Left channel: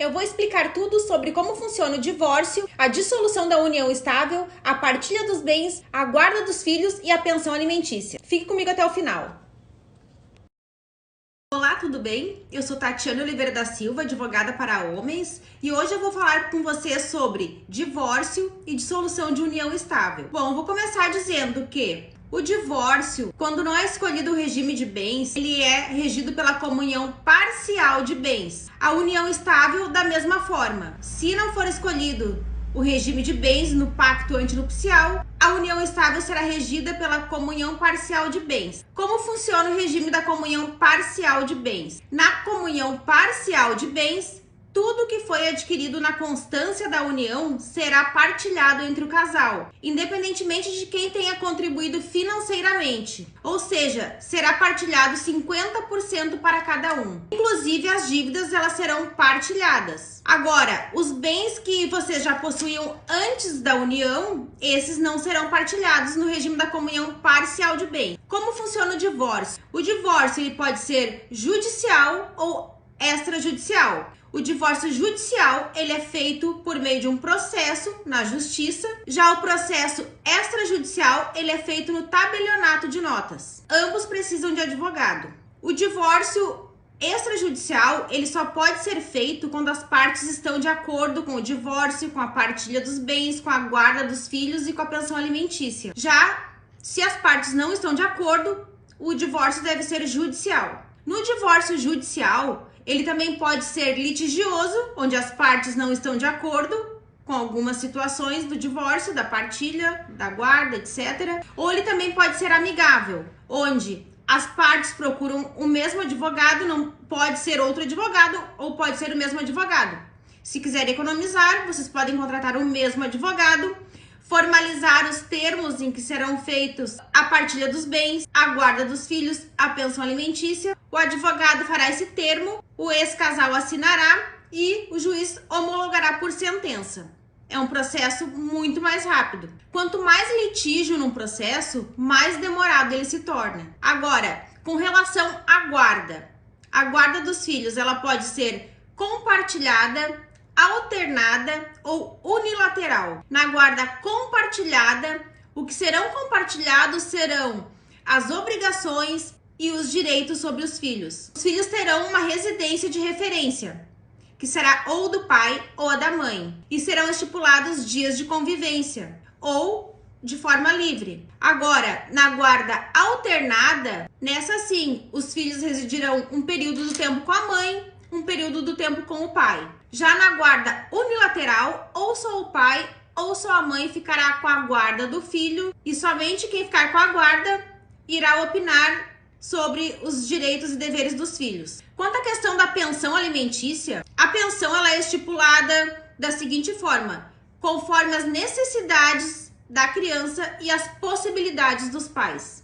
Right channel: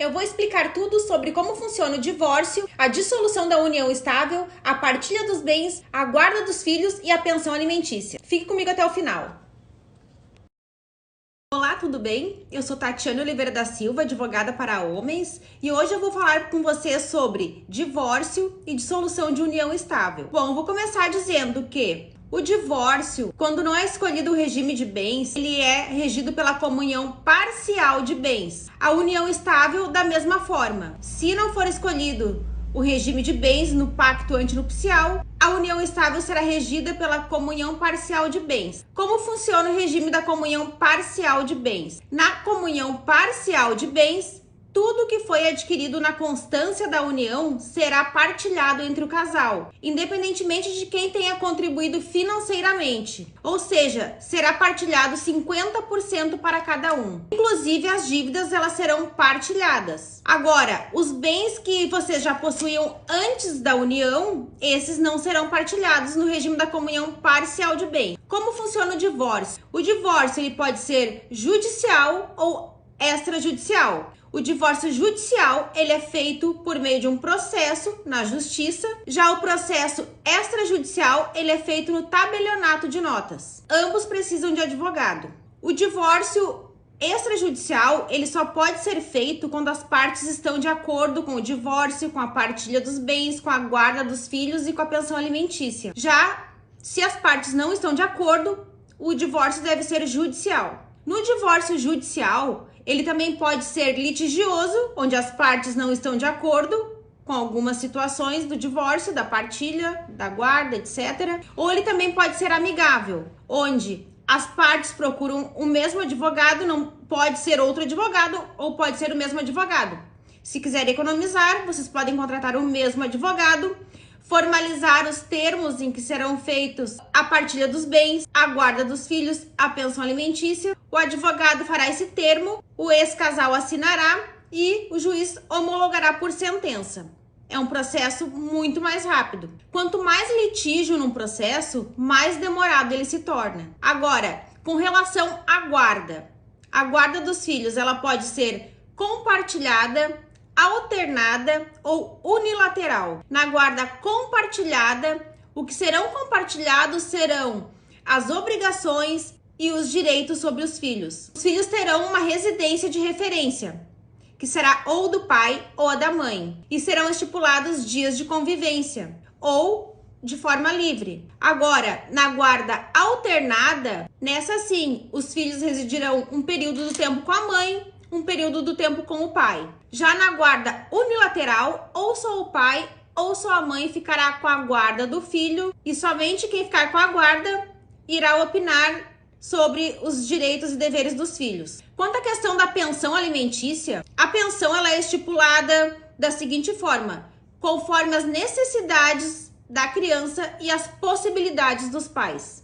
Eu vou explicar tudo sobre como funciona o divórcio, a dissolução da união estável, a partilha dos bens, a guarda dos filhos e a pensão alimentícia. Fique comigo até o final. Olá, tudo bem? Eu sou Tatiana Oliveira da Silva, advogada para homens, e hoje eu vou falar com vocês sobre divórcio e dissolução de união estável. Bom, vou começar dizendo que o divórcio, quando não é escolhido o regime de bens, ele é regido pela comunhão parcial de bens. A união estável, da mesma forma. Se não for escolhido o regime de bens no pacto antinupcial, a união estável será regida pela comunhão parcial de bens. Como funciona o regime da comunhão parcial de bens? Na comunhão parcial de bens, tudo que foi adquirido na constância da união será partilhado entre o casal, independentemente de quem tenha contribuído financeiramente. Ou seja, será partilhado 50% para cada um. Inclusive, as dívidas elas serão partilhadas. Agora, os bens que vocês já possuíam antes da união, esses não serão partilhados no regime da comunhão parcial de bens. Como funciona o divórcio? O divórcio ele pode ser judicial ou extrajudicial. O divórcio judicial, ele é feito por meio de um processo na justiça. Já o processo extrajudicial, ele é feito no tabelionato de notas. Ambos precisam de advogado. O divórcio extrajudicial, ele só pode ser feito quando as partes estão de acordo com o divórcio, com a partilha dos bens, com a guarda dos filhos e com a pensão alimentícia. Já se as partes não estão de acordo, o divórcio deve ser judicial. No divórcio judicial, ele também pode ser litigioso, onde as partes não estão de acordo com algumas situações do divórcio, da partilha, da guarda, etc. Ou ele também pode ser amigável, onde as partes procuram o mesmo advogado, não pode ser outro advogado ou pode ser o mesmo advogado. Se quiserem economizar, vocês podem contratar o mesmo advogado, formalizar os termos em que serão feitos a partilha dos bens, a guarda dos filhos, a pensão alimentícia. O advogado fará esse termo, o ex-casal assinará e o juiz homologará por sentença. É um processo muito mais rápido. Quanto mais litígio num processo, mais demorado ele se torna. Agora, com relação à guarda, a guarda dos filhos ela pode ser compartilhada, alternada ou unilateral. Na guarda compartilhada, o que serão compartilhados serão as obrigações e os direitos sobre os filhos. Os filhos terão uma residência de referência, que será ou do pai ou a da mãe, e serão estipulados dias de convivência, ou de forma livre. Agora, na guarda alternada, nessa sim, os filhos residirão um período do tempo com a mãe, um período do tempo com o pai. Já na guarda unilateral, ou só o pai ou só a mãe ficará com a guarda do filho, e somente quem ficar com a guarda irá opinar sobre os direitos e deveres dos filhos. Quanto à questão da pensão alimentícia, a pensão ela é estipulada da seguinte forma: conforme as necessidades da criança e as possibilidades dos pais.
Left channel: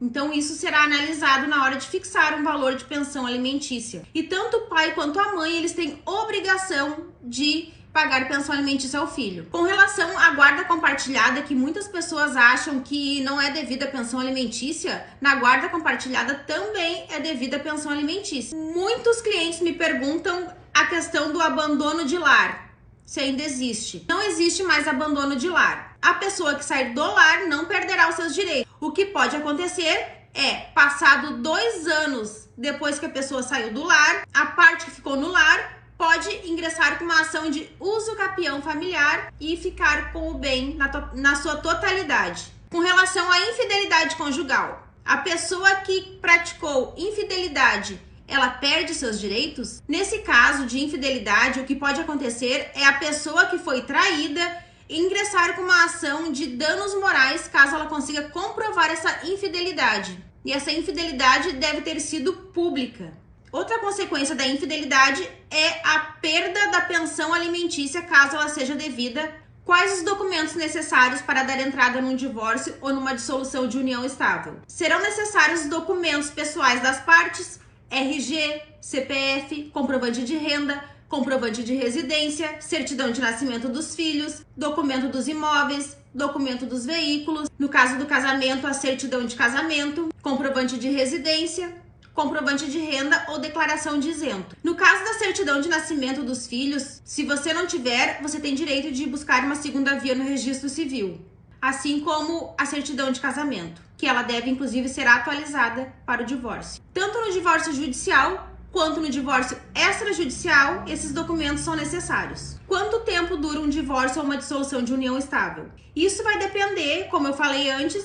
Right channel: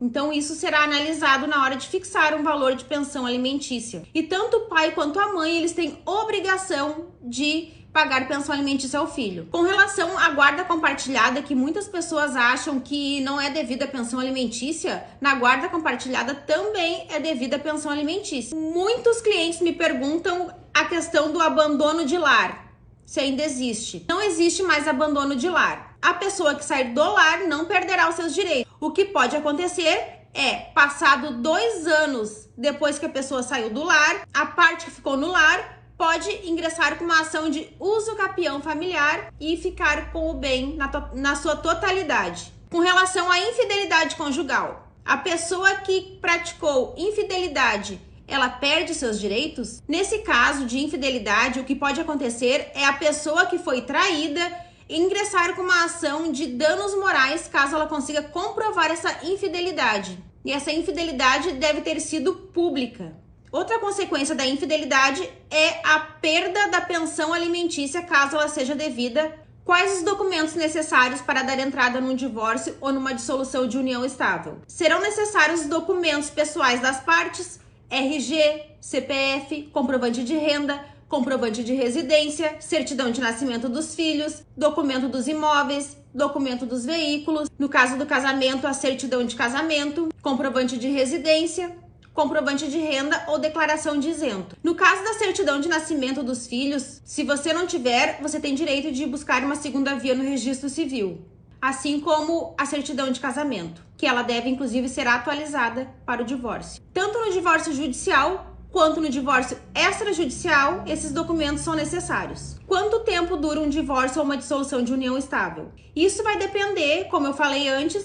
Então, isso será analisado na hora de fixar um valor de pensão alimentícia. E tanto o pai quanto a mãe, eles têm obrigação de pagar pensão alimentícia ao filho. Com relação à guarda compartilhada, que muitas pessoas acham que não é devida a pensão alimentícia, na guarda compartilhada também é devida a pensão alimentícia. Muitos clientes me perguntam a questão do abandono de lar, se ainda existe. Não existe mais abandono de lar. A pessoa que sair do lar não perderá os seus direitos. O que pode acontecer é, passado 2 anos depois que a pessoa saiu do lar, a parte que ficou no lar pode ingressar com uma ação de uso capião familiar e ficar com o bem na sua totalidade. Com relação à infidelidade conjugal, a pessoa que praticou infidelidade, ela perde seus direitos? Nesse caso de infidelidade, o que pode acontecer é a pessoa que foi traída ingressar com uma ação de danos morais caso ela consiga comprovar essa infidelidade. E essa infidelidade deve ter sido pública. Outra consequência da infidelidade é a perda da pensão alimentícia caso ela seja devida. Quais os documentos necessários para dar entrada num divórcio ou numa dissolução de união estável? Serão necessários os documentos pessoais das partes, RG, CPF, comprovante de renda, comprovante de residência, certidão de nascimento dos filhos, documento dos imóveis, documento dos veículos, no caso do casamento, a certidão de casamento, comprovante de residência, comprovante de renda ou declaração de isento. No caso da certidão de nascimento dos filhos, se você não tiver, você tem direito de buscar uma segunda via no registro civil, assim como a certidão de casamento, que ela deve inclusive ser atualizada para o divórcio. Tanto no divórcio judicial quanto no divórcio extrajudicial, esses documentos são necessários. Quanto tempo dura um divórcio ou uma dissolução de união estável? Isso vai depender, como eu falei antes,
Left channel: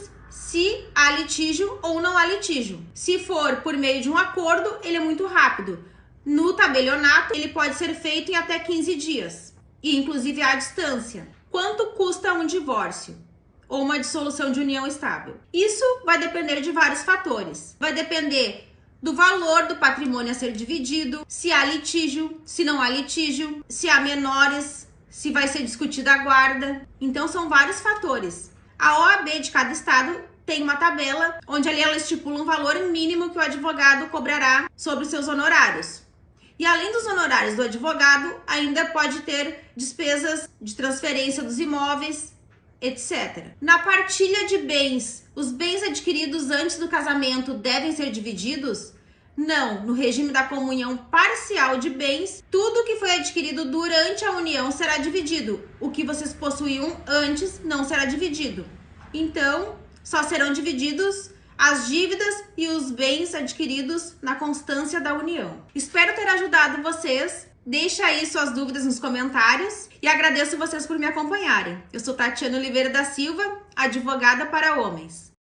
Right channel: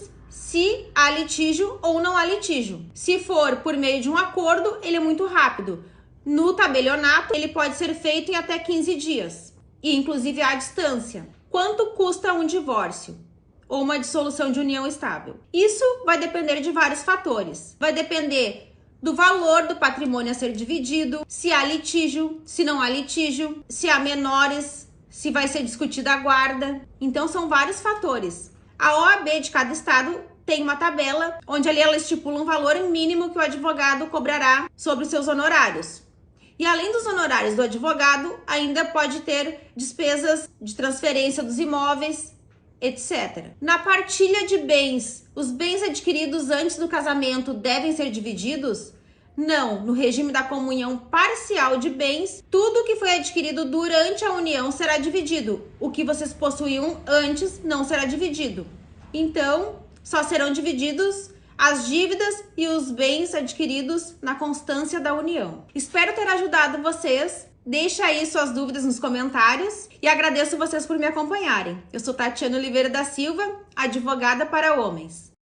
se há litígio ou não há litígio. Se for por meio de um acordo, ele é muito rápido. No tabelionato, ele pode ser feito em até 15 dias, e inclusive à distância. Quanto custa um divórcio ou uma dissolução de união estável? Isso vai depender de vários fatores. Vai depender do valor do patrimônio a ser dividido, se há litígio, se não há litígio, se há menores, se vai ser discutida a guarda. Então são vários fatores. A OAB de cada estado tem uma tabela onde ali ela estipula um valor mínimo que o advogado cobrará sobre os seus honorários. E além dos honorários do advogado, ainda pode ter despesas de transferência dos imóveis, etc. Na partilha de bens, os bens adquiridos antes do casamento devem ser divididos? Não, no regime da comunhão parcial de bens, tudo que foi adquirido durante a união será dividido. O que vocês possuíam antes não será dividido. Então, só serão divididos as dívidas e os bens adquiridos na constância da união. Espero ter ajudado vocês. Deixa aí suas dúvidas nos comentários e agradeço vocês por me acompanharem. Eu sou Tatiana Oliveira da Silva, advogada para homens.